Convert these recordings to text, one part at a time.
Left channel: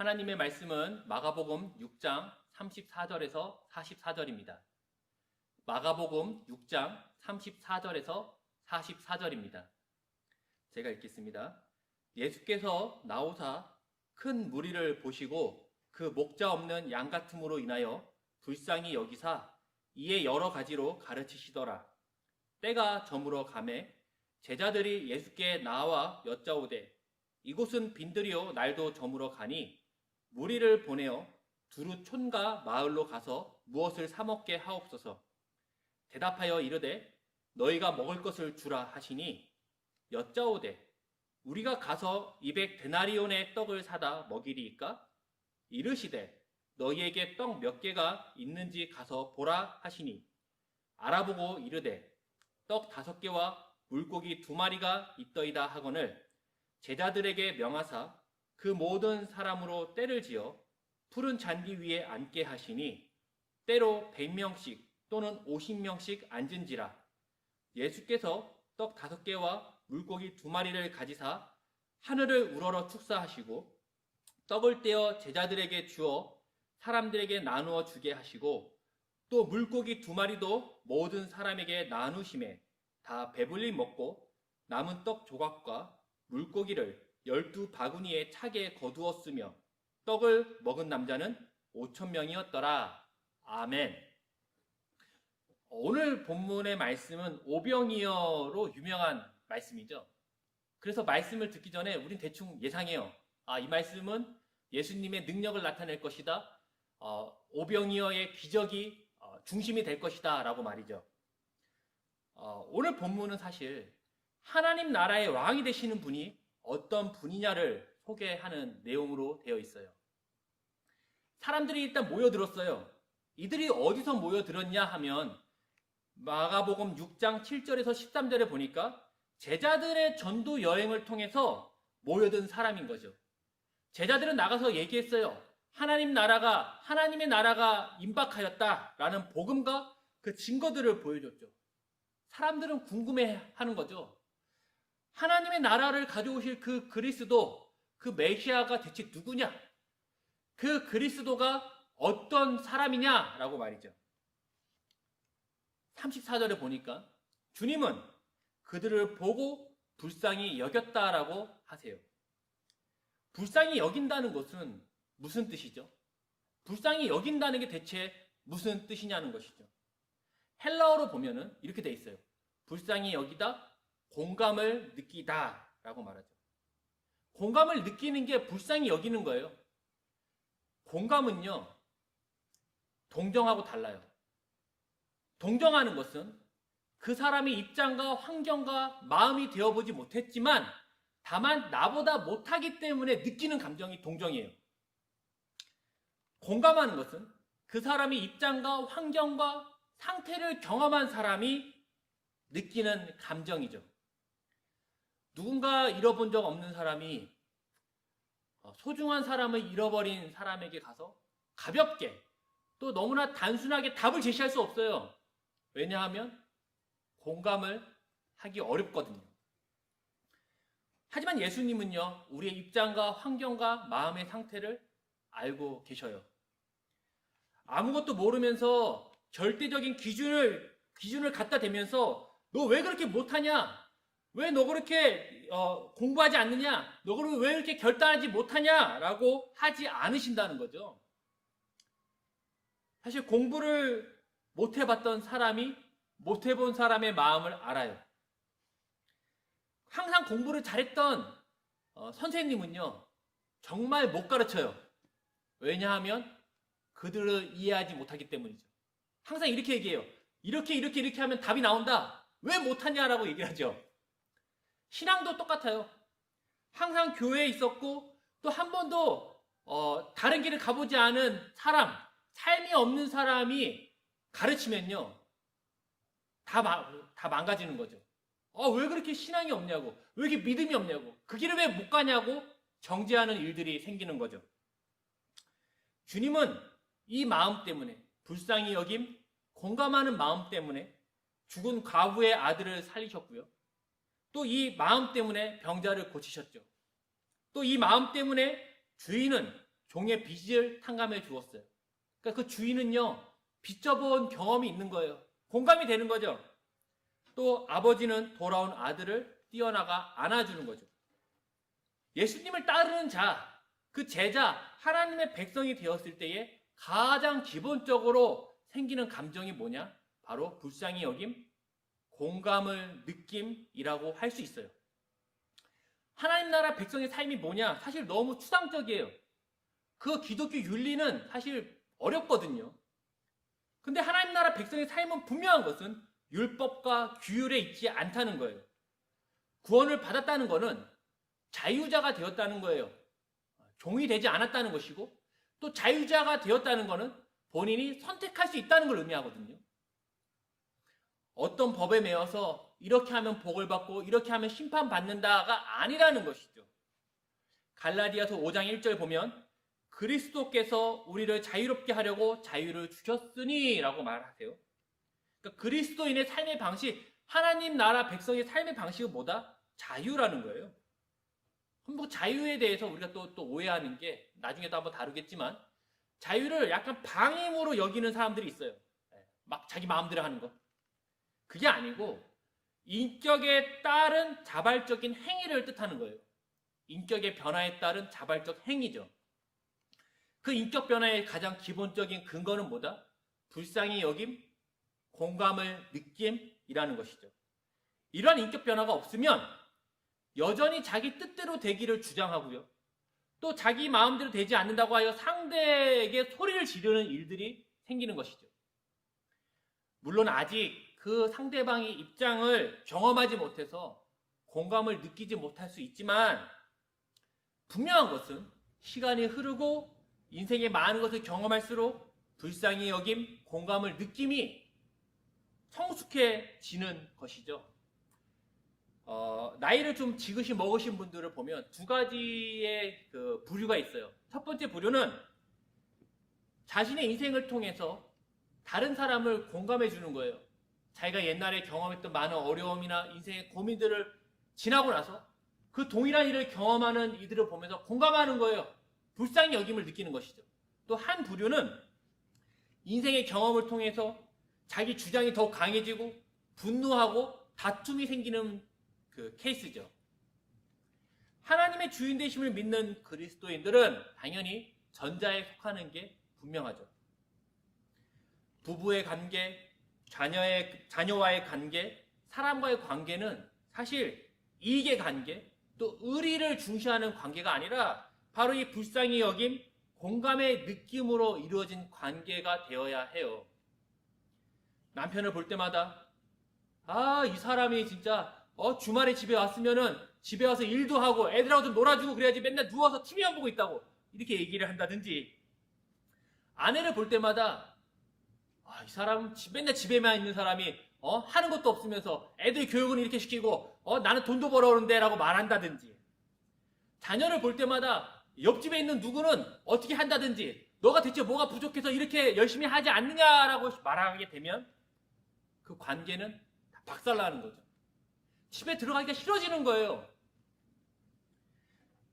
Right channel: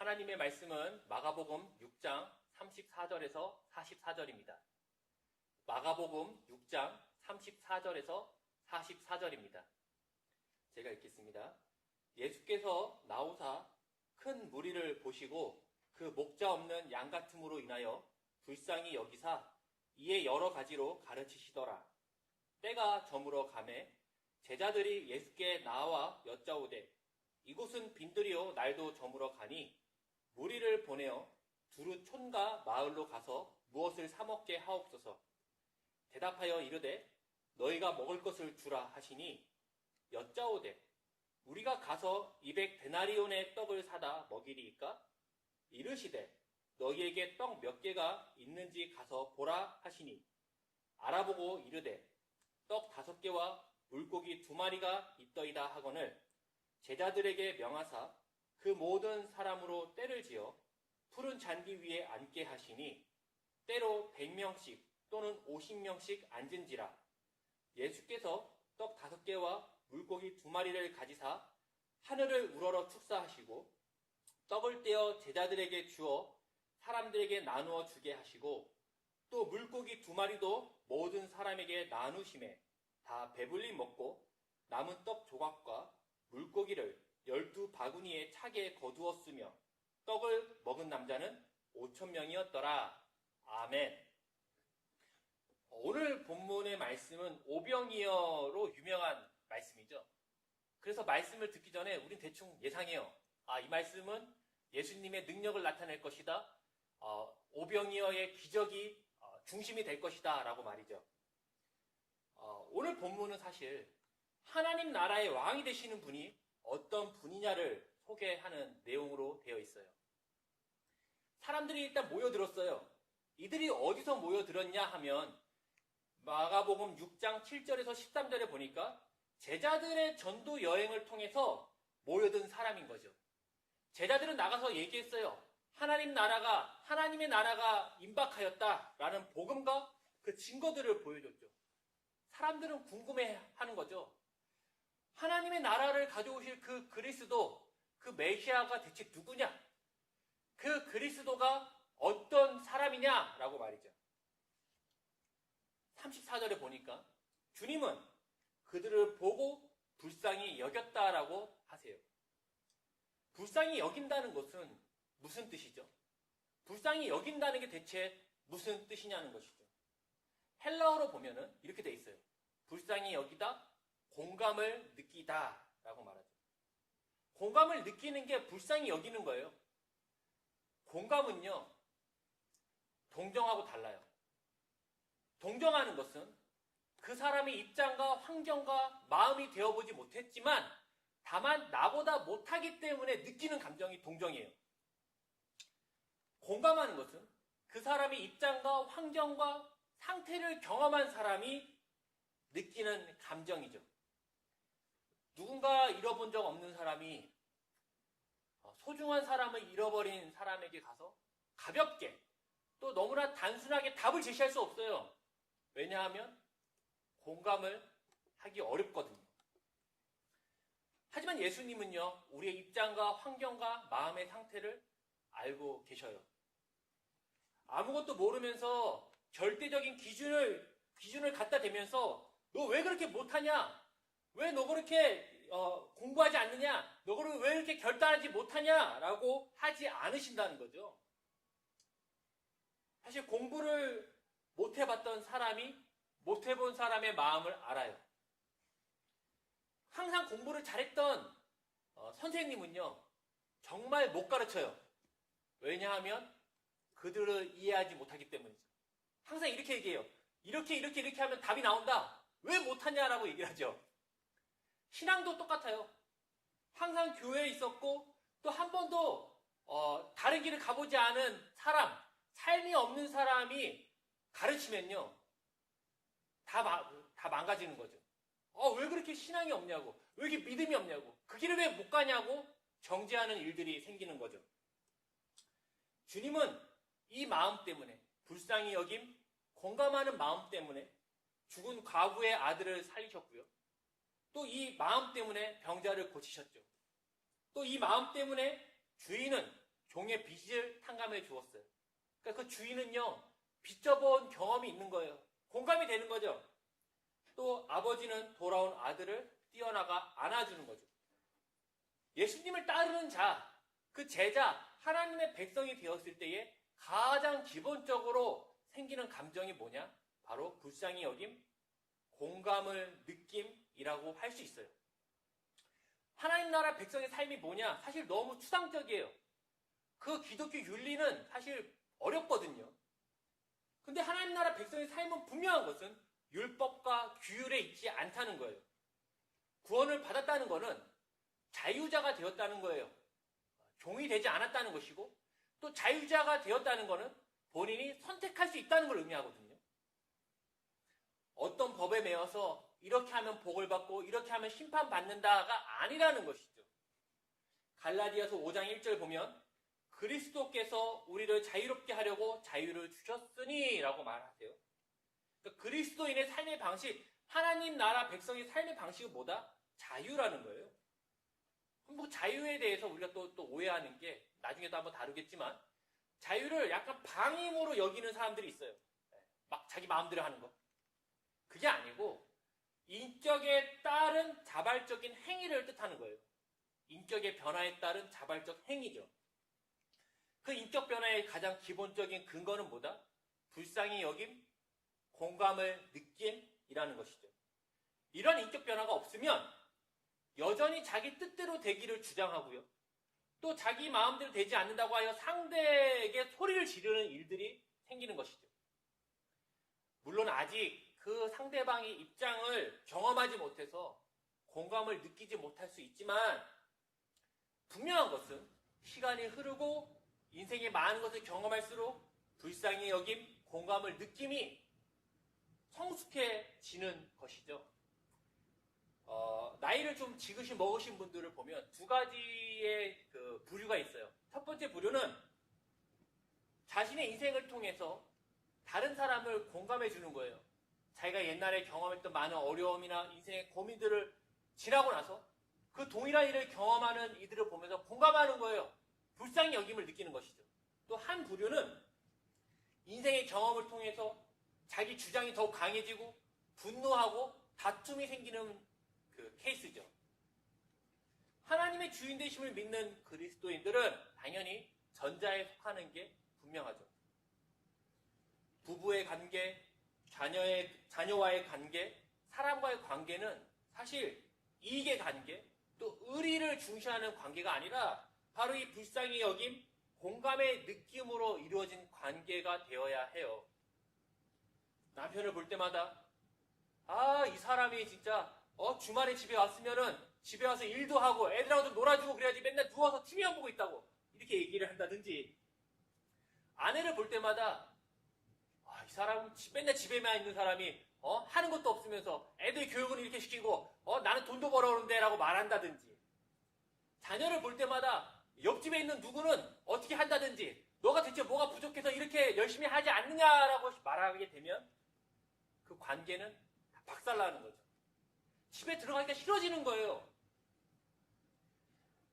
하나님의 말씀은 마가복음 6장 34절에서 44절입니다. 마가복음 6장 34절에서 44절입니다. 제가 읽겠습니다. 예수께서 나오사 큰 무리를 보시고 그 목자 없는 양 같음으로 인하여 불쌍히 여기사 이에 여러 가지로 가르치시더라. 때가 저물어 가매 제자들이 예수께 나와 여짜오되 이곳은 빈들이요 날도 저물어 가니 무리를 보내어 두루 촌과 마을로 가서 무엇을 사 먹게 하옵소서. 대답하여 이르되 너희가 먹을 것을 주라 하시니 여짜오되 우리가 가서 200데나리온의 떡을 사다 먹이리이까? 이르시되 너희에게 떡 몇 개가 있는지 가서 보라 하시니 알아보고 이르되 떡 5개와 물고기 2마리가 있더이다 하거늘 제자들에게 명하사 그 모든 사람으로 때를 지어 푸른 잔디 위에 앉게 하시니 때로 100명씩 또는 50명씩 앉은지라. 예수께서 떡 5개와 물고기 2마리를 가지사 하늘을 우러러 축사하시고 떡을 떼어 제자들에게 주어 사람들에게 나누어 주게 하시고 또 물고기 2마리도 모든 사람에게 나누심에 다 배불리 먹고 남은 떡 조각과 물고기를 12바구니에 차게 거두었으며 떡을 먹은 남자는 5,000명이었더라. 아멘. 오늘 본문의 말씀은 오병이어로 유명한 말씀이죠. 그래서 말씀을 듣기 전에 우린 대충 예상해요. 이 말씀은 예수님의 능력을 나타낼 것이다. 오병이어의 기적이 중심이 될 것이다 라고 말이죠. 오늘 본문은 사실 하나님 나라의 왕이 되시는 분이 어떤 분이냐를 소개하는 내용으로 되어 있어요. 사람들이 일단 모여들었어요. 이들이 어디서 모여들었냐 하면 마가복음 6장 7절에서 13절에 보니까 제자들의 전도 여행을 통해서 모여든 사람인 거죠. 제자들은 나가서 얘기했어요. 하나님의 나라가 임박하였다라는 복음과 그 증거들을 보여줬죠. 사람들은 궁금해하는 거죠. 하나님의 나라를 가져오실 그 그리스도, 그 메시아가 대체 누구냐? 그 그리스도가 어떤 사람이냐라고 말이죠. 34절에 보니까 주님은 그들을 보고 불쌍히 여겼다라고 하세요. 불쌍히 여긴다는 것은 무슨 뜻이죠? 불쌍히 여긴다는 게 대체 무슨 뜻이냐는 것이죠. 헬라어로 보면은 이렇게 돼 있어요. 불쌍히 여기다, 공감을 느끼다 라고 말하죠. 공감을 느끼는 게 불쌍히 여기는 거예요. 공감은요, 동정하고 달라요. 동정하는 것은 그 사람의 입장과 환경과 마음이 되어보지 못했지만 다만 나보다 못하기 때문에 느끼는 감정이 동정이에요. 공감하는 것은 그 사람의 입장과 환경과 상태를 경험한 사람이 느끼는 감정이죠. 누군가 잃어본 적 없는 사람이 소중한 사람을 잃어버린 사람에게 가서 가볍게 또 너무나 단순하게 답을 제시할 수 없어요. 왜냐하면 공감을 하기 어렵거든요. 하지만 예수님은요, 우리의 입장과 환경과 마음의 상태를 알고 계셔요. 아무것도 모르면서 절대적인 기준을 갖다 대면서 너 왜 그렇게 못하냐? 왜 너 그렇게 공부하지 않느냐? 너 왜 이렇게 결단하지 못하냐? 라고 하지 않으신다는 거죠. 사실 공부를 못 해봤던 사람이 못 해본 사람의 마음을 알아요. 항상 공부를 잘했던 선생님은요, 정말 못 가르쳐요. 왜냐하면 그들을 이해하지 못하기 때문이죠. 항상 이렇게 얘기해요. 이렇게 하면 답이 나온다. 왜 못하냐라고 얘기하죠. 신앙도 똑같아요. 항상 교회에 있었고 또 한 번도 다른 길을 가보지 않은 사람, 삶이 없는 사람이 가르치면요, 다 망가지는 거죠. 왜 그렇게 신앙이 없냐고, 왜 이렇게 믿음이 없냐고, 그 길을 왜 못 가냐고 정죄하는 일들이 생기는 거죠. 주님은 이 마음 때문에, 불쌍히 여김, 공감하는 마음 때문에 죽은 과부의 아들을 살리셨고요. 또 이 마음 때문에 병자를 고치셨죠. 또 이 마음 때문에 주인은 종의 빚을 탕감해 주었어요. 그러니까 그 주인은요, 빚져본 경험이 있는 거예요. 공감이 되는 거죠. 또 아버지는 돌아온 아들을 뛰어나가 안아주는 거죠. 예수님을 따르는 자, 그 제자, 하나님의 백성이 되었을 때에 가장 기본적으로 생기는 감정이 뭐냐? 바로 불쌍히 여김, 공감을 느낌이라고 할 수 있어요. 하나님 나라 백성의 삶이 뭐냐? 사실 너무 추상적이에요. 그 기독교 윤리는 사실 어렵거든요. 근데 하나님 나라 백성의 삶은 분명한 것은 율법과 규율에 있지 않다는 거예요. 구원을 받았다는 것은 자유자가 되었다는 거예요. 종이 되지 않았다는 것이고, 또 자유자가 되었다는 것은 본인이 선택할 수 있다는 걸 의미하거든요. 어떤 법에 매여서 이렇게 하면 복을 받고 이렇게 하면 심판받는다가 아니라는 것이죠. 갈라디아서 5장 1절 보면 그리스도께서 우리를 자유롭게 하려고 자유를 주셨으니 라고 말하세요. 그러니까 그리스도인의 삶의 방식, 하나님 나라 백성의 삶의 방식은 뭐다? 자유라는 거예요. 뭐 자유에 대해서 우리가 또 오해하는 게 나중에도 한번 다루겠지만, 자유를 약간 방임으로 여기는 사람들이 있어요. 막 자기 마음대로 하는 거. 그게 아니고 인격에 따른 자발적인 행위를 뜻하는 거예요. 인격의 변화에 따른 자발적 행위죠. 그 인격 변화의 가장 기본적인 근거는 뭐다? 불쌍히 여김, 공감을 느낌이라는 것이죠. 이러한 인격 변화가 없으면 여전히 자기 뜻대로 되기를 주장하고요. 또 자기 마음대로 되지 않는다고 하여 상대에게 소리를 지르는 일들이 생기는 것이죠. 물론 아직 그 상대방의 입장을 경험하지 못해서 공감을 느끼지 못할 수 있지만, 분명한 것은 시간이 흐르고 인생의 많은 것을 경험할수록 불쌍히 여김, 공감을 느낌이 성숙해지는 것이죠. 나이를 좀 지그시 먹으신 분들을 보면 두 가지의 그 부류가 있어요. 첫 번째 부류는 자신의 인생을 통해서 다른 사람을 공감해 주는 거예요. 자기가 옛날에 경험했던 많은 어려움이나 인생의 고민들을 지나고 나서 그 동일한 일을 경험하는 이들을 보면서 공감하는 거예요. 불쌍히 여김을 느끼는 것이죠. 또 한 부류는 인생의 경험을 통해서 자기 주장이 더욱 강해지고 분노하고 다툼이 생기는 그 케이스죠. 하나님의 주인 되심을 믿는 그리스도인들은 당연히 전자에 속하는 게 분명하죠. 부부의 관계, 자녀와의 관계, 사람과의 관계는 사실 이익의 관계, 또 의리를 중시하는 관계가 아니라 바로 이 불쌍히 여김, 공감의 느낌으로 이루어진 관계가 되어야 해요. 남편을 볼 때마다 이 사람이 진짜 주말에 집에 왔으면은 집에 와서 일도 하고 애들하고 좀 놀아주고 그래야지 맨날 누워서 TV만 보고 있다고 이렇게 얘기를 한다든지, 아내를 볼 때마다 이 사람 맨날 집에만 있는 사람이 하는 것도 없으면서 애들 교육은 이렇게 시키고 나는 돈도 벌어오는데 라고 말한다든지, 자녀를 볼 때마다 옆집에 있는 누구는 어떻게 한다든지 너가 대체 뭐가 부족해서 이렇게 열심히 하지 않느냐라고 말하게 되면 그 관계는 다 박살나는 거죠. 집에 들어가기가 싫어지는 거예요.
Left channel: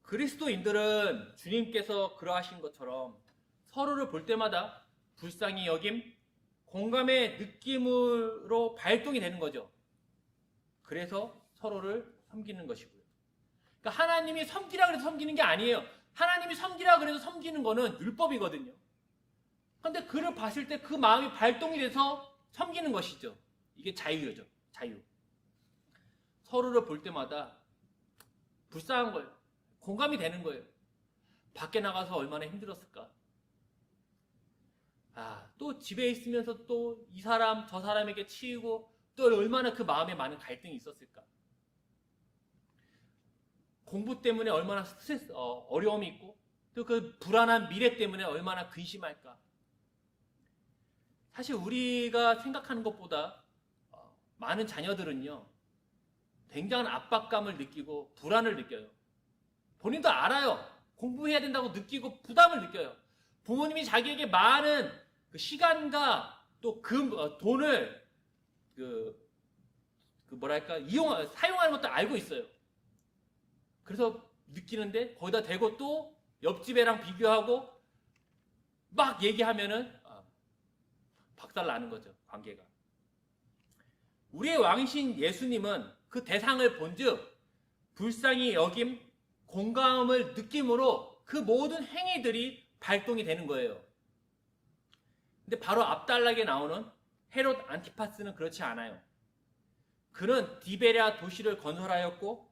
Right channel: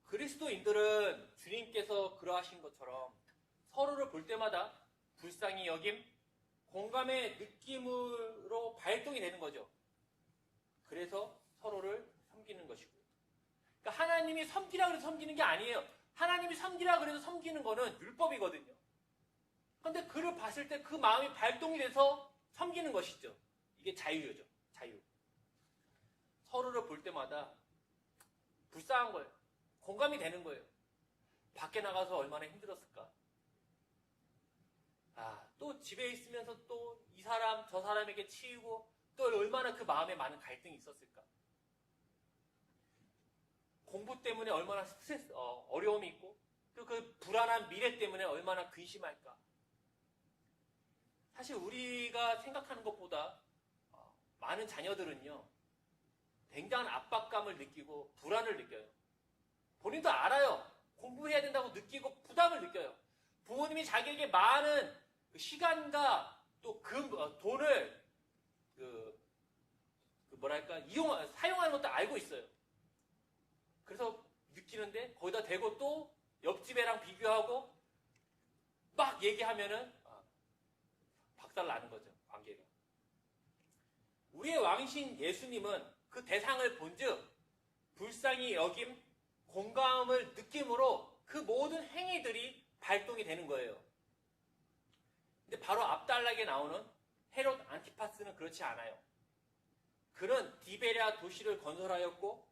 그리스도인들은 주님께서 그러하신 것처럼 서로를 볼 때마다 불쌍히 여김, 공감의 느낌으로 발동이 되는 거죠. 그래서 서로를 섬기는 것이고요. 그러니까 하나님이 섬기라 그래서 섬기는 게 아니에요. 하나님이 섬기라 그래서 섬기는 거는 율법이거든요. 그런데 그를 봤을 때 그 마음이 발동이 돼서 섬기는 것이죠. 이게 자유죠. 자유. 서로를 볼 때마다 불쌍한 거예요. 공감이 되는 거예요. 밖에 나가서 얼마나 힘들었을까. 또 집에 있으면서 또 이 사람 저 사람에게 치이고 또 얼마나 그 마음에 많은 갈등이 있었을까. 공부 때문에 얼마나 스트레스, 어려움이 있고 또 그 불안한 미래 때문에 얼마나 근심할까. 사실 우리가 생각하는 것보다 많은 자녀들은요, 굉장한 압박감을 느끼고 불안을 느껴요. 본인도 알아요. 공부해야 된다고 느끼고 부담을 느껴요. 부모님이 자기에게 많은 그 시간과 또 돈을 사용하는 것도 알고 있어요. 그래서 느끼는데 거기다 대고 또 옆집애랑 비교하고 막 얘기하면은 박살 나는 거죠, 관계가. 우리의 왕이신 예수님은 그 대상을 본즉 불쌍히 여김, 공감을 느낌으로 그 모든 행위들이 발동이 되는 거예요. 근데 바로 앞단락에 나오는 헤롯 안티파스는 그렇지 않아요. 그는 디베랴 도시를 건설하였고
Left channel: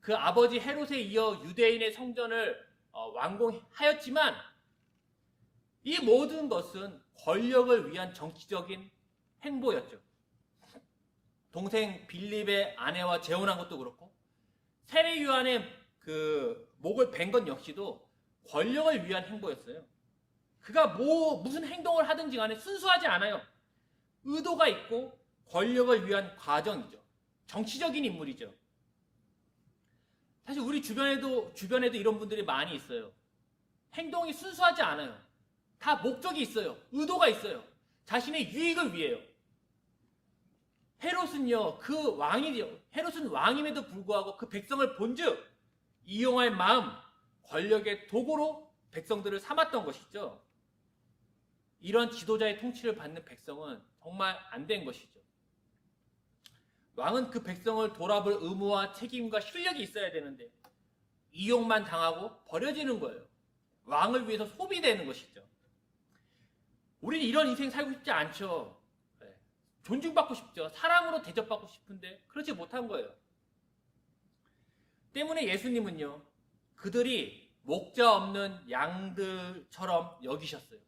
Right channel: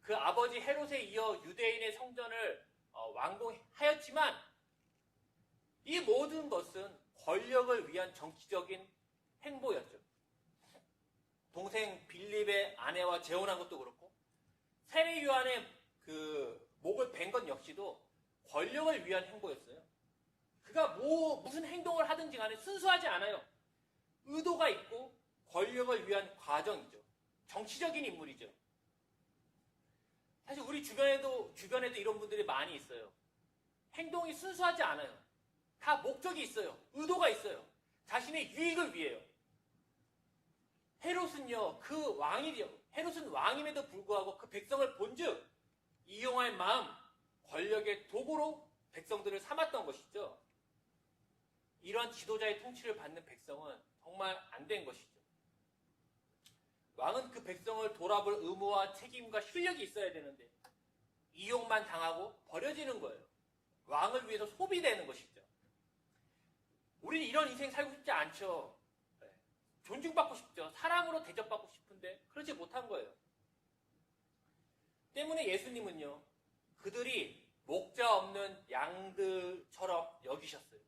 그 아버지 헤롯에 이어 유대인의 성전을 완공하였지만 이 모든 것은 권력을 위한 정치적인 행보였죠. 동생 빌립의 아내와 재혼한 것도 그렇고 세례 요한의 그 목을 벤 것 역시도 권력을 위한 행보였어요. 그가 무슨 행동을 하든지 간에 순수하지 않아요. 의도가 있고 권력을 위한 과정이죠. 정치적인 인물이죠. 사실 우리 주변에도 이런 분들이 많이 있어요. 행동이 순수하지 않아요. 다 목적이 있어요. 의도가 있어요. 자신의 유익을 위해요. 헤롯은요, 그 왕이죠. 헤롯은 왕임에도 불구하고 그 백성을 본즉 이용할 마음, 권력의 도구로 백성들을 삼았던 것이죠. 이런 지도자의 통치를 받는 백성은 정말 안 된 것이죠. 왕은 그 백성을 돌아볼 의무와 책임과 실력이 있어야 되는데 이용만 당하고 버려지는 거예요. 왕을 위해서 소비되는 것이죠. 우리는 이런 인생 살고 싶지 않죠. 존중받고 싶죠. 사랑으로 대접받고 싶은데 그렇지 못한 거예요. 때문에 예수님은요, 그들이 목자 없는 양들처럼 여기셨어요.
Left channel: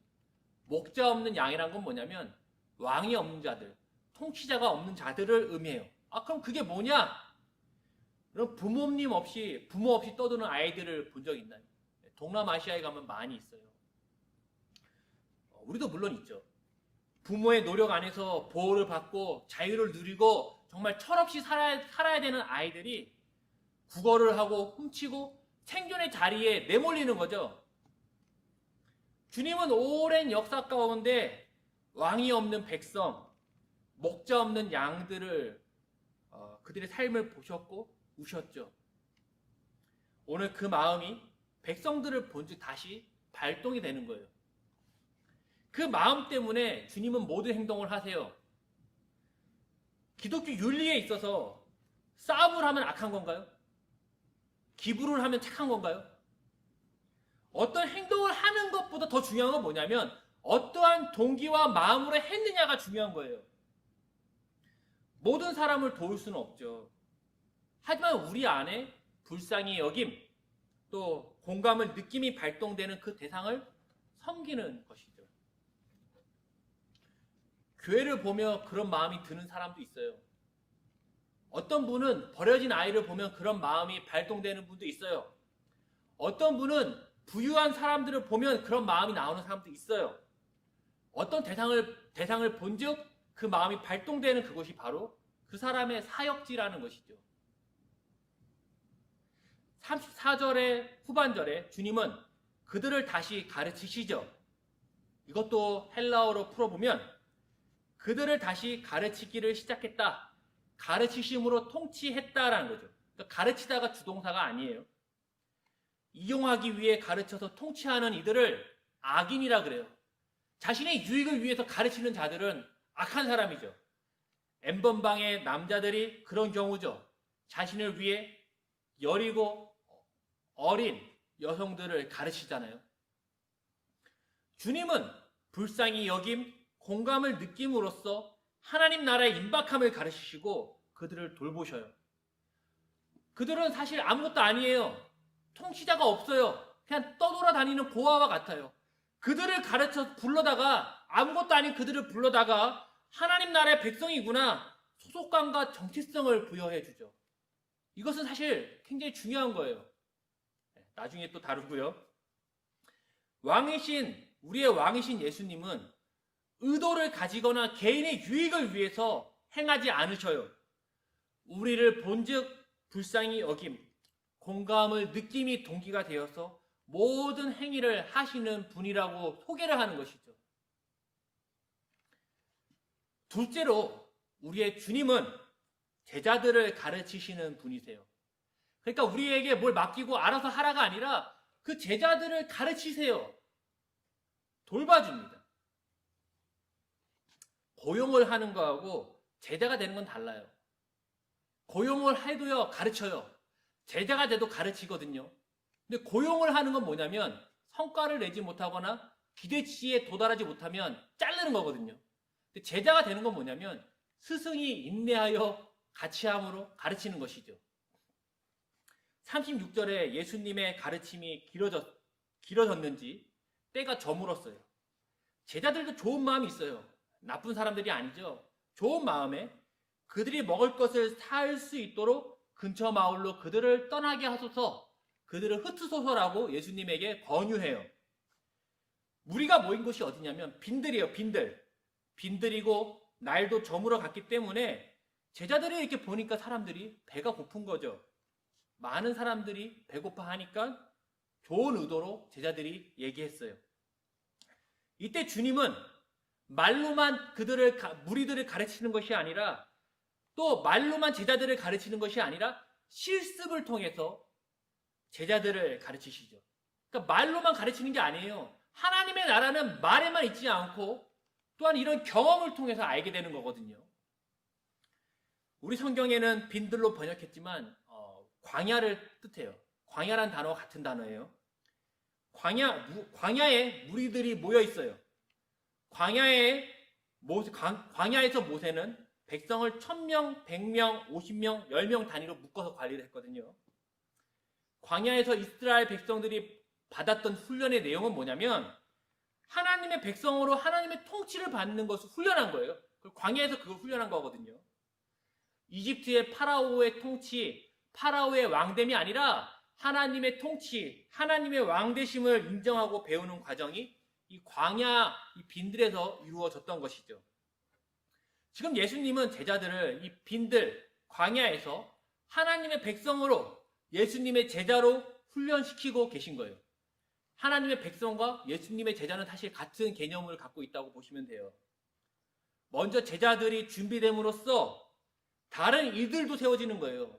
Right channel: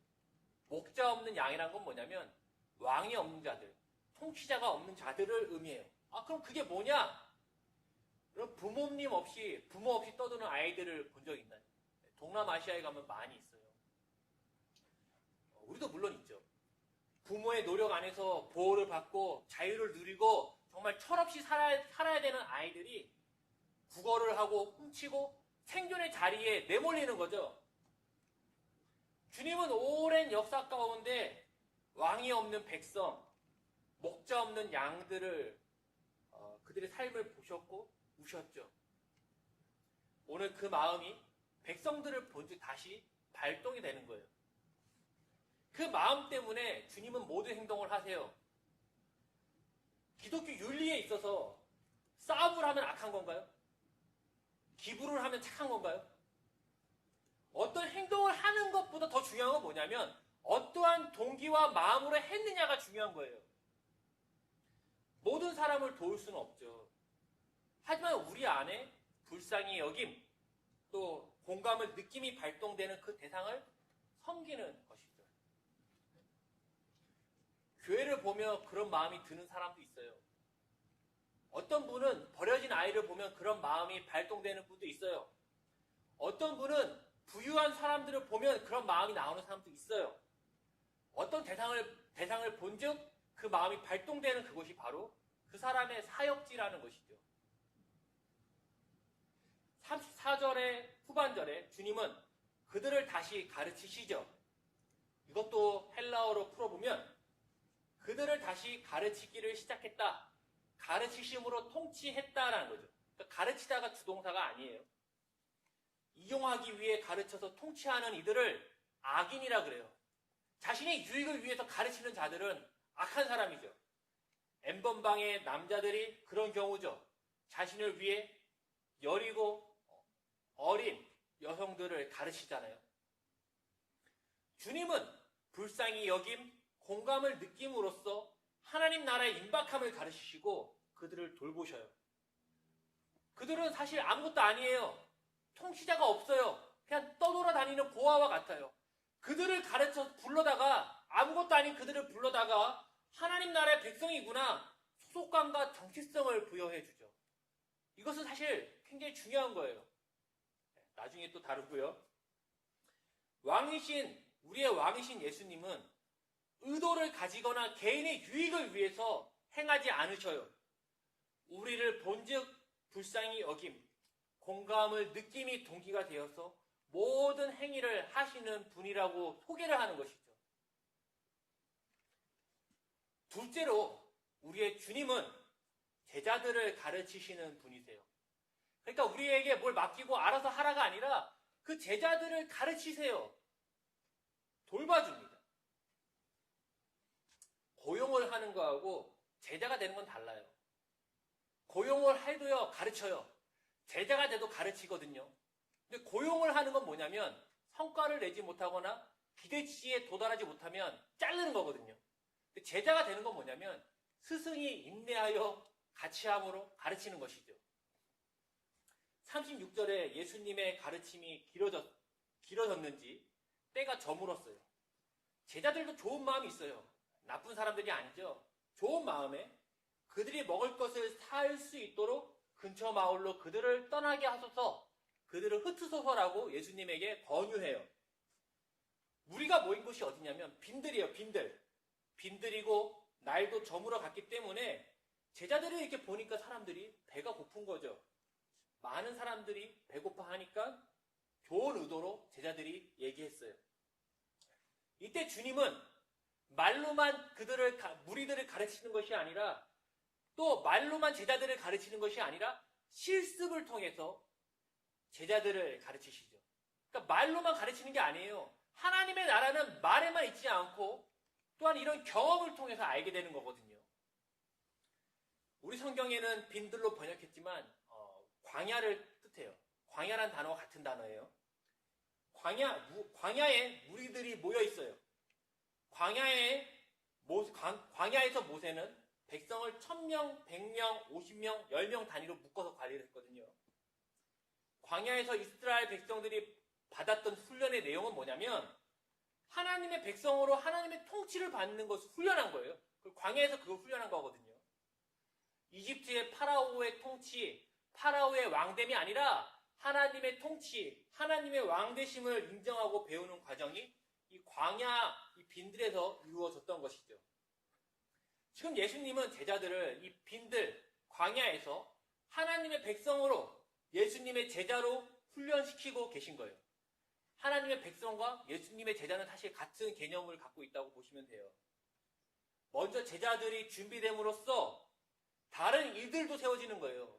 목자 없는 양이란 건 뭐냐면 왕이 없는 자들, 통치자가 없는 자들을 의미해요. 그럼 그게 뭐냐? 그럼 부모 없이 떠드는 아이들을 본 적 있나요? 동남아시아에 가면 많이 있어요. 우리도 물론 있죠. 부모의 노력 안에서 보호를 받고 자유를 누리고 정말 철없이 살아야 되는 아이들이 구걸을 하고 훔치고 생존의 자리에 내몰리는 거죠. 주님은 오랜 역사 가운데 왕이 없는 백성, 목자 없는 양들을 그들의 삶을 보셨고 우셨죠. 오늘 그 마음이 백성들을 본즉 다시 발동이 되는 거예요. 그 마음 때문에 주님은 모든 행동을 하세요. 기독교 윤리에 있어서 싸움을 하면 악한 건가요? 기부를 하면 착한 건가요? 어떤 행동을 하는 것보다 더 중요한 건 뭐냐면 어떠한 동기와 마음으로 했느냐가 중요한 거예요. 모든 사람을 도울 수는 없죠. 하지만 우리 안에 불쌍히 여김, 또 공감을 느낌이 발동되는 그 대상을 섬기는 것이죠. 교회를 보며 그런 마음이 드는 사람도 있어요. 어떤 분은 버려진 아이를 보면 그런 마음이 발동되는 분도 있어요. 어떤 분은 부유한 사람들을 보면 그런 마음이 나오는 사람도 있어요. 어떤 대상을 본즉 그 마음이 발동되는 그것이 바로 그 사람의 사역지라는 것이죠. 34절의 후반절에 주님은 그들을 다시 가르치시죠. 이것도 헬라어로 풀어보면 그들을 다시 가르치기를 시작했다. 가르치심으로 통치했다라는 거죠. 그러니까 가르치다가 주동사가 아니에요. 이용하기 위해 가르쳐서 통치하는 이들을 악인이라 그래요. 자신의 유익을 위해서 가르치는 자들은 악한 사람이죠. N번방의 남자들이 그런 경우죠. 자신을 위해 여리고 어린 여성들을 가르치잖아요. 주님은 불쌍히 여김, 공감을 느낌으로써 하나님 나라의 임박함을 가르치시고 그들을 돌보셔요. 그들은 사실 아무것도 아니에요. 통치자가 없어요. 그냥 떠돌아다니는 고아와 같아요. 그들을 불러다가 아무것도 아닌 그들을 불러다가 하나님 나라의 백성이구나 소속감과 정체성을 부여해 주죠. 이것은 사실 굉장히 중요한 거예요. 나중에 또 다루고요. 우리의 왕이신 예수님은 의도를 가지거나 개인의 유익을 위해서 행하지 않으셔요. 우리를 본즉 불쌍히 여김, 공감을 느낌이 동기가 되어서 모든 행위를 하시는 분이라고 소개를 하는 것이죠. 둘째로 우리의 주님은 제자들을 가르치시는 분이세요. 그러니까 우리에게 뭘 맡기고 알아서 하라가 아니라 그 제자들을 가르치세요. 돌봐줍니다. 고용을 하는 거하고 제자가 되는 건 달라요. 고용을 해도요, 가르쳐요. 제자가 돼도 가르치거든요. 근데 고용을 하는 건 뭐냐면 성과를 내지 못하거나 기대치에 도달하지 못하면 자르는 거거든요. 근데 제자가 되는 건 뭐냐면 스승이 인내하여 같이함으로 가르치는 것이죠. 36절에 예수님의 가르침이 길어졌는지 때가 저물었어요. 제자들도 좋은 마음이 있어요. 나쁜 사람들이 아니죠. 좋은 마음에 그들이 먹을 것을 살 수 있도록 근처 마을로 그들을 떠나게 하소서, 그들을 흩으소서라고 예수님에게 권유해요. 무리가 모인 곳이 어디냐면 빈들이에요. 빈들이고 날도 저물어 갔기 때문에 제자들이 이렇게 보니까 사람들이 배가 고픈 거죠. 많은 사람들이 배고파 하니까 좋은 의도로 제자들이 얘기했어요. 이때 주님은 말로만 무리들을 가르치는 것이 아니라 또 말로만 제자들을 가르치는 것이 아니라 실습을 통해서 제자들을 가르치시죠. 그러니까 말로만 가르치는 게 아니에요. 하나님의 나라는 말에만 있지 않고 또한 이런 경험을 통해서 알게 되는 거거든요. 우리 성경에는 빈들로 번역했지만 광야를 뜻해요. 광야란 단어와 같은 단어예요. 광야에 무리들이 모여 있어요. 광야에서 모세는 백성을 1000명, 100명, 50명, 10명 단위로 묶어서 관리를 했거든요. 광야에서 이스라엘 백성들이 받았던 훈련의 내용은 뭐냐면 하나님의 백성으로 하나님의 통치를 받는 것을 훈련한 거예요. 광야에서 그걸 훈련한 거거든요. 이집트의 파라오의 통치, 파라오의 왕됨이 아니라 하나님의 통치, 하나님의 왕되심을 인정하고 배우는 과정이 이 광야, 이 빈들에서 이루어졌던 것이죠. 지금 예수님은 제자들을 이 빈들, 광야에서 하나님의 백성으로 예수님의 제자로 훈련시키고 계신 거예요. 하나님의 백성과 예수님의 제자는 사실 같은 개념을 갖고 있다고 보시면 돼요. 먼저 제자들이 준비됨으로써 다른 일들도 세워지는 거예요.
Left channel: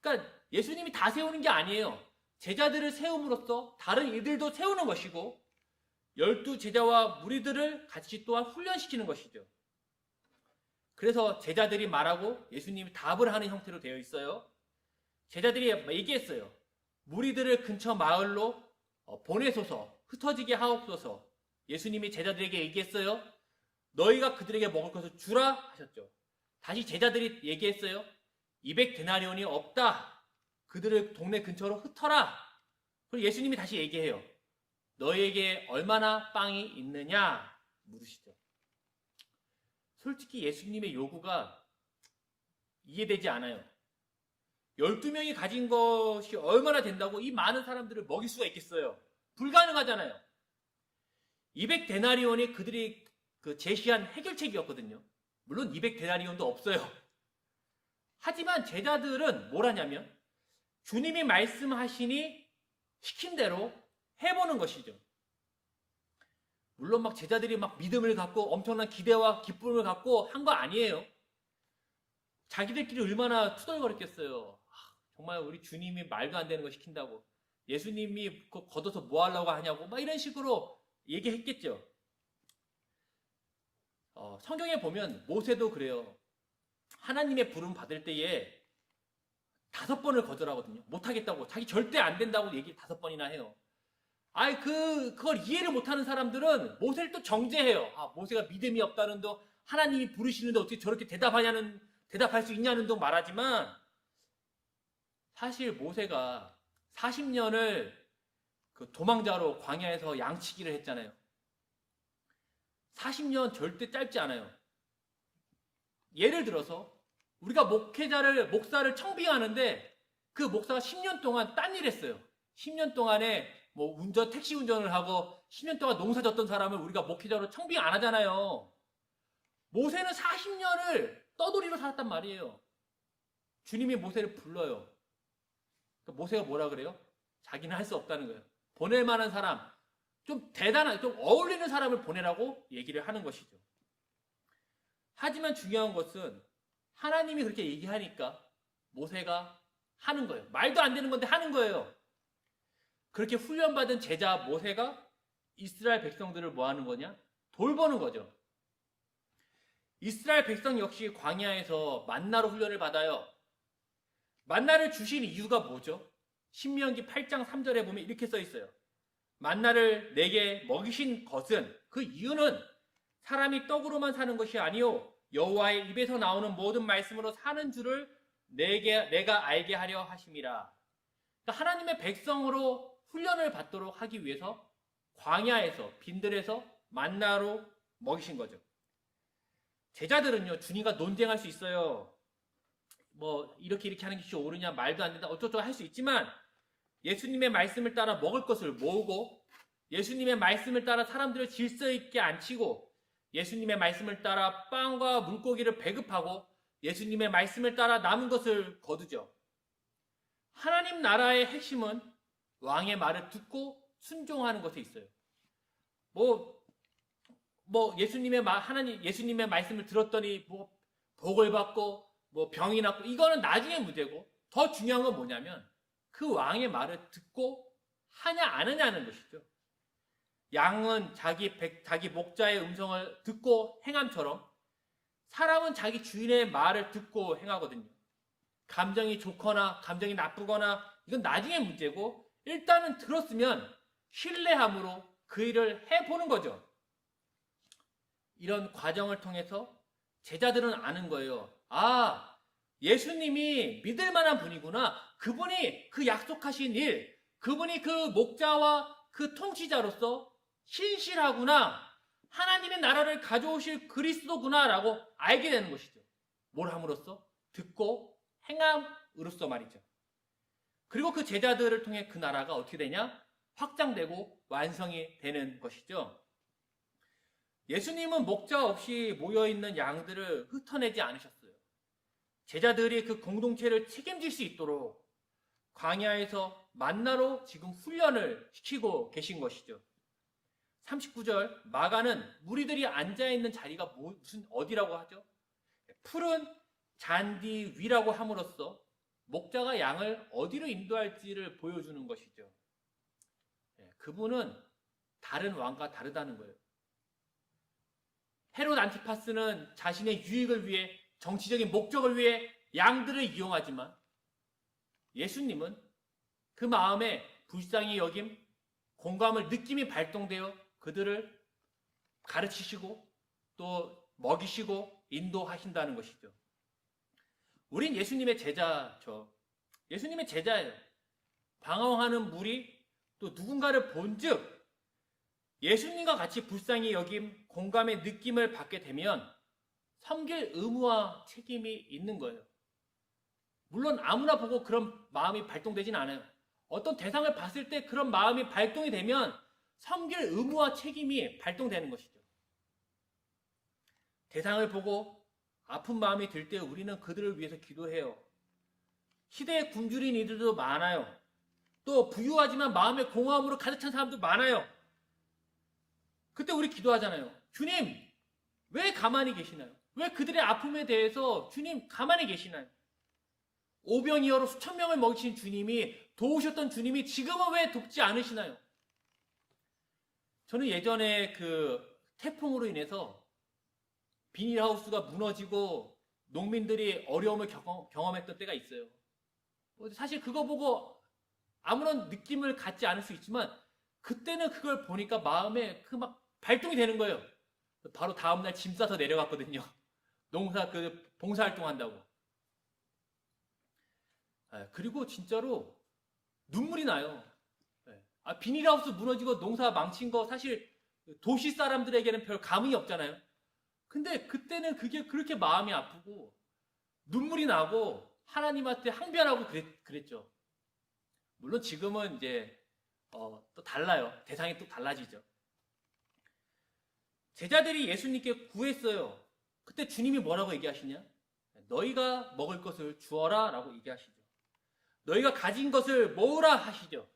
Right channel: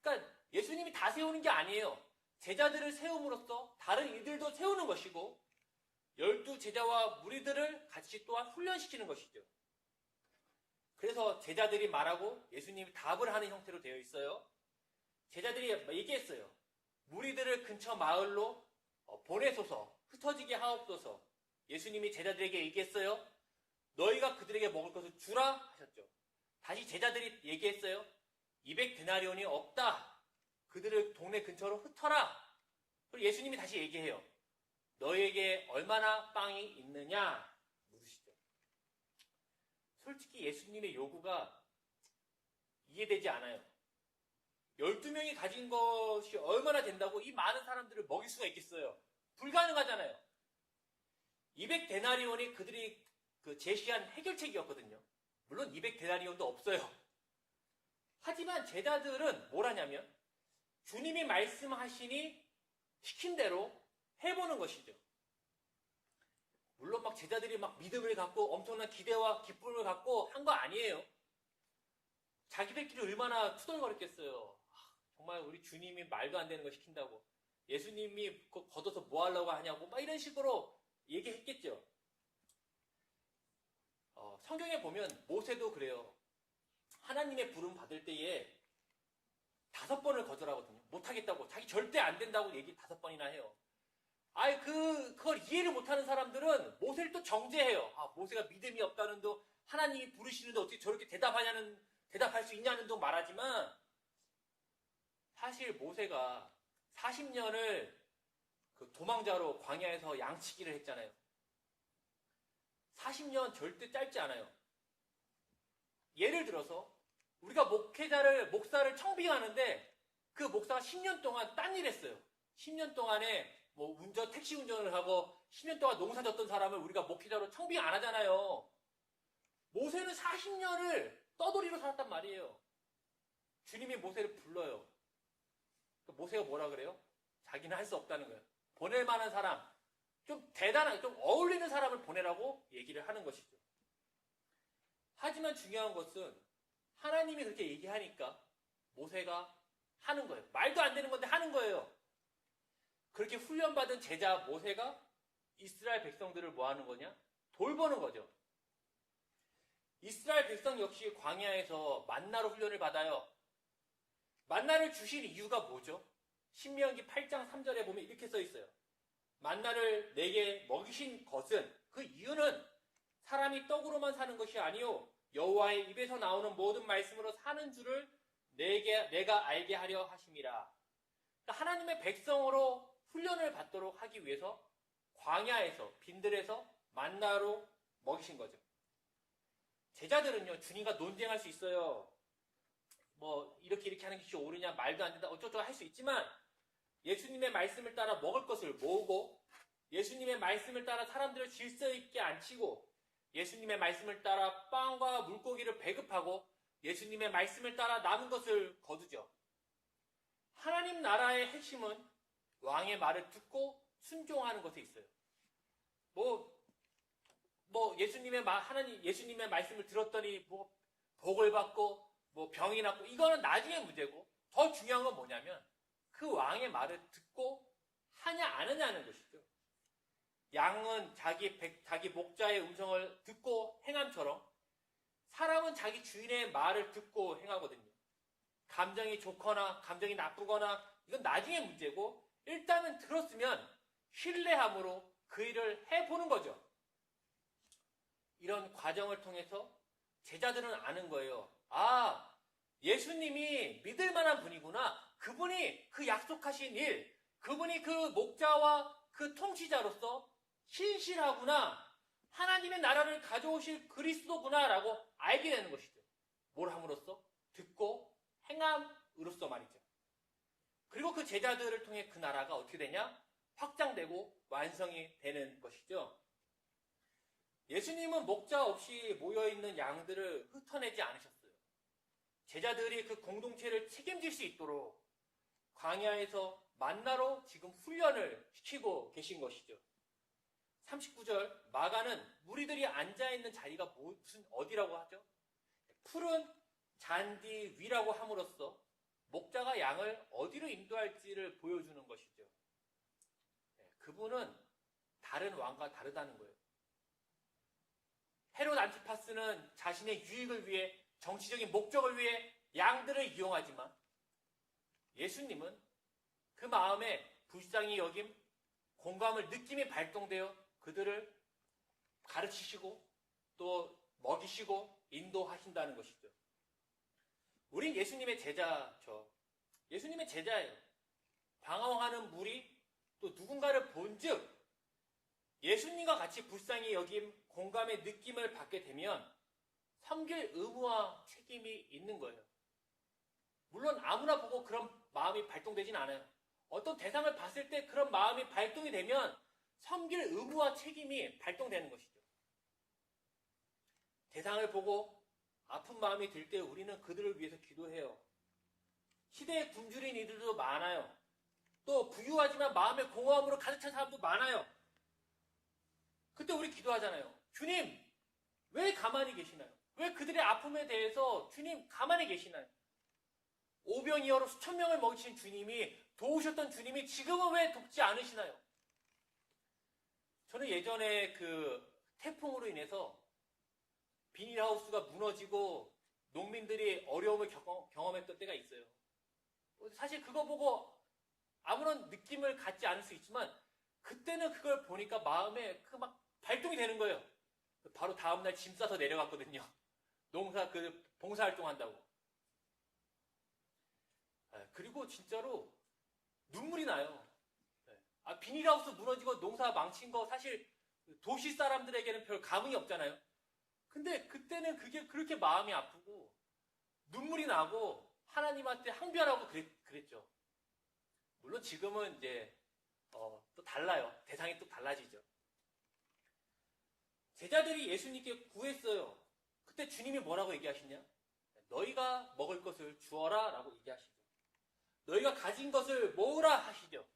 그러니까 예수님이 다 세우는 게 아니에요. 제자들을 세움으로써 다른 일들도 세우는 것이고 12 제자와 무리들을 같이 또한 훈련시키는 것이죠. 그래서 제자들이 말하고 예수님이 답을 하는 형태로 되어 있어요. 제자들이 얘기했어요. 무리들을 근처 마을로 보내소서, 흩어지게 하옵소서. 예수님이 제자들에게 얘기했어요. 너희가 그들에게 먹을 것을 주라 하셨죠. 다시 제자들이 얘기했어요. 200데나리온이 없다. 그들을 동네 근처로 흩어라. 그리고 예수님이 다시 얘기해요. 너희에게 얼마나 빵이 있느냐 물으시죠. 솔직히 예수님의 요구가 이해되지 않아요. 12명이 가진 것이 얼마나 된다고 이 많은 사람들을 먹일 수가 있겠어요? 불가능하잖아요. 200데나리온이 그들이 제시한 해결책이었거든요. 물론 200데나리온도 없어요. 하지만 제자들은 뭘 하냐면 주님이 말씀하시니 시킨 대로 해보는 것이죠. 물론 막 제자들이 막 믿음을 갖고 엄청난 기대와 기쁨을 갖고 한 거 아니에요. 자기들끼리 얼마나 투덜거렸겠어요. 정말 우리 주님이 말도 안 되는 거 시킨다고. 예수님이 걷어서 뭐 하려고 하냐고 막 이런 식으로 얘기했겠죠. 성경에 보면 모세도 그래요. 하나님의 부름 받을 때에 5번을 거절하거든요. 못하겠다고. 자기 절대 안 된다고 얘기 5번이나 해요. 그걸 이해를 못하는 사람들은 모세를 또 정죄해요. 모세가 믿음이 없다는 둥, 하나님이 부르시는데 어떻게 저렇게 대답할 수 있냐는 둥 말하지만, 사실 모세가 40년을 도망자로 광야에서 양치기를 했잖아요. 40년 절대 짧지 않아요. 예를 들어서, 우리가 목사를 청빙하는데, 그 목사가 10년 동안 딴 일 했어요. 10년 동안에 택시 운전을 하고 10년 동안 농사 졌던 사람을 우리가 목회자로 청빙 안 하잖아요. 모세는 40년을 떠돌이로 살았단 말이에요. 주님이 모세를 불러요. 모세가 뭐라 그래요? 자기는 할 수 없다는 거예요. 보낼 만한 사람, 좀 대단한, 좀 어울리는 사람을 보내라고 얘기를 하는 것이죠. 하지만 중요한 것은 하나님이 그렇게 얘기하니까 모세가 하는 거예요. 말도 안 되는 건데 하는 거예요. 그렇게 훈련받은 제자 모세가 이스라엘 백성들을 뭐 하는 거냐? 돌보는 거죠. 이스라엘 백성 역시 광야에서 만나로 훈련을 받아요. 만나를 주신 이유가 뭐죠? 신명기 8장 3절에 보면 이렇게 써 있어요. 만나를 내게 먹이신 것은, 그 이유는 사람이 떡으로만 사는 것이 아니요 여호와의 입에서 나오는 모든 말씀으로 사는 줄을 내가 알게 하려 하심이라. 그러니까 하나님의 백성으로 훈련을 받도록 하기 위해서 광야에서, 빈들에서 만나로 먹이신 거죠. 제자들은요, 주님과 논쟁할 수 있어요. 뭐 이렇게 하는 것이 옳으냐, 말도 안 된다, 어쩌고 할 수 있지만 예수님의 말씀을 따라 먹을 것을 모으고, 예수님의 말씀을 따라 사람들을 질서 있게 앉히고, 예수님의 말씀을 따라 빵과 물고기를 배급하고, 예수님의 말씀을 따라 남은 것을 거두죠. 하나님 나라의 핵심은 왕의 말을 듣고 순종하는 것에 있어요. 예수님의 말씀을 들었더니 복을 받고 병이 낫고, 이거는 나중에 문제고, 더 중요한 건 뭐냐면 그 왕의 말을 듣고 하냐 안 하냐는 것이죠. 양은 자기 목자의 음성을 듣고 행함처럼 사람은 자기 주인의 말을 듣고 행하거든요. 감정이 좋거나 감정이 나쁘거나 이건 나중에 문제고, 일단은 들었으면 신뢰함으로 그 일을 해보는 거죠. 이런 과정을 통해서 제자들은 아는 거예요. 아, 예수님이 믿을 만한 분이구나. 그분이 그 약속하신 일, 그분이 그 목자와 그 통치자로서 신실하구나. 하나님의 나라를 가져오실 그리스도구나 라고 알게 되는 것이죠. 뭘 함으로써? 듣고 행함으로써 말이죠. 그리고 그 제자들을 통해 그 나라가 어떻게 되냐? 확장되고 완성이 되는 것이죠. 예수님은 목자 없이 모여있는 양들을 흩어내지 않으셨어요. 제자들이 그 공동체를 책임질 수 있도록 광야에서 만나로 지금 훈련을 시키고 계신 것이죠. 39절, 마가는 무리들이 앉아있는 자리가 무슨 어디라고 하죠? 푸른 잔디 위라고 함으로써 목자가 양을 어디로 인도할지를 보여주는 것이죠. 그분은 다른 왕과 다르다는 거예요. 헤롯 안티파스는 자신의 유익을 위해, 정치적인 목적을 위해 양들을 이용하지만 예수님은 그 마음에 불쌍히 여김, 공감을 느낌이 발동되어 그들을 가르치시고 또 먹이시고 인도하신다는 것이죠. 우린 예수님의 제자죠. 예수님의 제자예요. 방황하는 무리, 또 누군가를 본즉 예수님과 같이 불쌍히 여김, 공감의 느낌을 받게 되면 섬길 의무와 책임이 있는 거예요. 물론 아무나 보고 그런 마음이 발동되진 않아요. 어떤 대상을 봤을 때 그런 마음이 발동이 되면 섬길 의무와 책임이 발동되는 것이죠. 대상을 보고 아픈 마음이 들 때 우리는 그들을 위해서 기도해요. 시대에 굶주린 이들도 많아요. 또 부유하지만 마음의 공허함으로 가득 찬 사람도 많아요. 그때 우리 기도하잖아요. 주님, 왜 가만히 계시나요? 왜 그들의 아픔에 대해서 주님 가만히 계시나요? 오병이어로 수천 명을 먹이신 주님이, 도우셨던 주님이 지금은 왜 돕지 않으시나요? 저는 예전에 그 태풍으로 인해서 비닐하우스가 무너지고 농민들이 어려움을 경험했던 때가 있어요. 사실 그거 보고 아무런 느낌을 갖지 않을 수 있지만 그때는 그걸 보니까 마음에 그 막 발동이 되는 거예요. 바로 다음날 짐 싸서 내려갔거든요. 봉사활동 한다고. 그리고 진짜로 눈물이 나요. 비닐하우스 무너지고 농사 망친 거 사실 도시 사람들에게는 별 감흥이 없잖아요. 근데 그때는 그게 그렇게 마음이 아프고 눈물이 나고 하나님한테 항변하고 그랬죠. 물론 지금은 이제 또 달라요. 대상이 또 달라지죠. 제자들이 예수님께 구했어요. 그때 주님이 뭐라고 얘기하시냐? 너희가 먹을 것을 주어라 라고 얘기하시죠. 너희가 가진 것을 모으라 하시죠.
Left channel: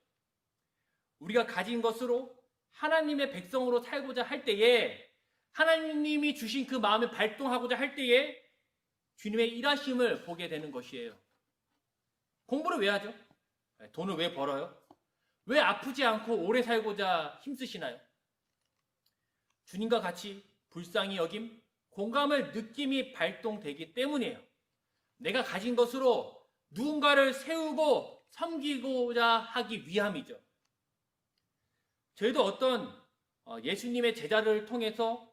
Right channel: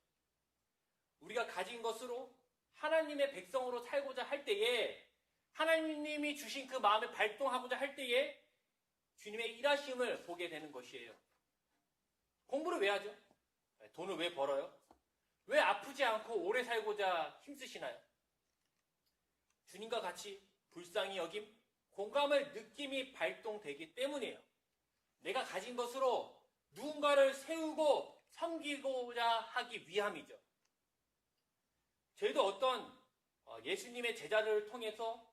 우리가 가진 것으로 하나님의 백성으로 살고자 할 때에, 하나님이 주신 그 마음을 발동하고자 할 때에 주님의 일하심을 보게 되는 것이에요. 공부를 왜 하죠? 돈을 왜 벌어요? 왜 아프지 않고 오래 살고자 힘쓰시나요? 주님과 같이 불쌍히 여김, 공감을 느낌이 발동되기 때문이에요. 내가 가진 것으로 누군가를 세우고 섬기고자 하기 위함이죠. 저희도 어떤 예수님의 제자를 통해서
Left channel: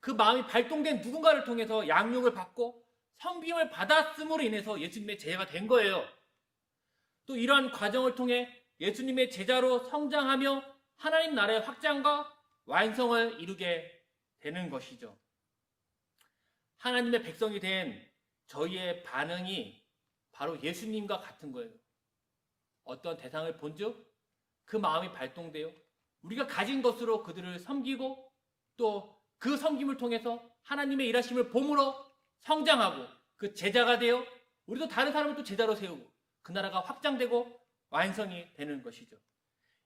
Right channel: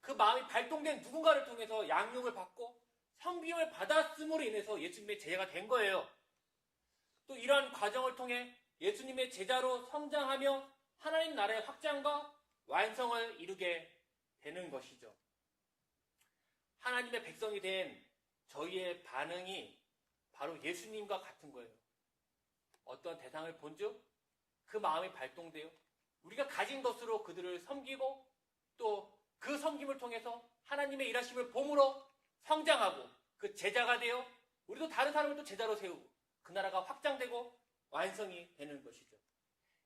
그 마음이 발동된 누군가를 통해서 양육을 받고 섬김을 받았음으로 인해서 예수님의 제자가 된 거예요. 또 이러한 과정을 통해 예수님의 제자로 성장하며 하나님 나라의 확장과 완성을 이루게 되는 것이죠. 하나님의 백성이 된 저희의 반응이 바로 예수님과 같은 거예요. 어떤 대상을 본즉 그 마음이 발동되어 우리가 가진 것으로 그들을 섬기고 또 그 섬김을 통해서 하나님의 일하심을 봄으로 성장하고 그 제자가 되어 우리도 다른 사람을 또 제자로 세우고 그 나라가 확장되고 완성이 되는 것이죠.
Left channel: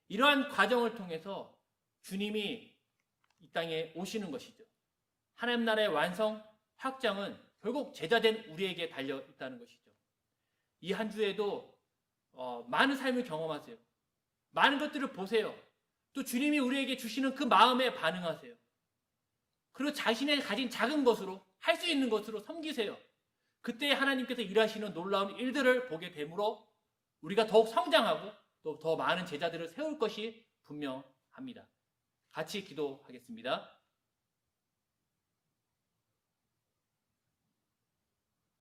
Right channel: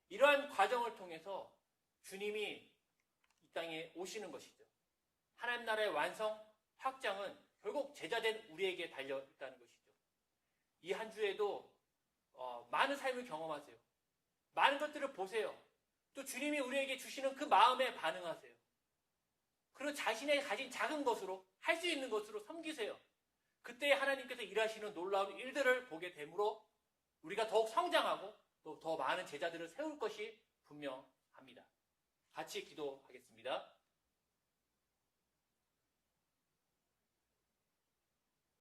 이러한 과정을 통해서 주님이 이 땅에 오시는 것이죠. 하나님 나라의 완성, 확장은 결국 제자된 우리에게 달려 있다는 것이죠. 이 한 주에도 많은 삶을 경험하세요. 많은 것들을 보세요. 또 주님이 우리에게 주시는 그 마음에 반응하세요. 그리고 자신의 가진 작은 것으로 할 수 있는 것으로 섬기세요. 그때 하나님께서 일하시는 놀라운 일들을 보게 되므로 우리가 더욱 성장하고 또 더 많은 제자들을 세울 것이 분명합니다. 같이 기도하겠습니다.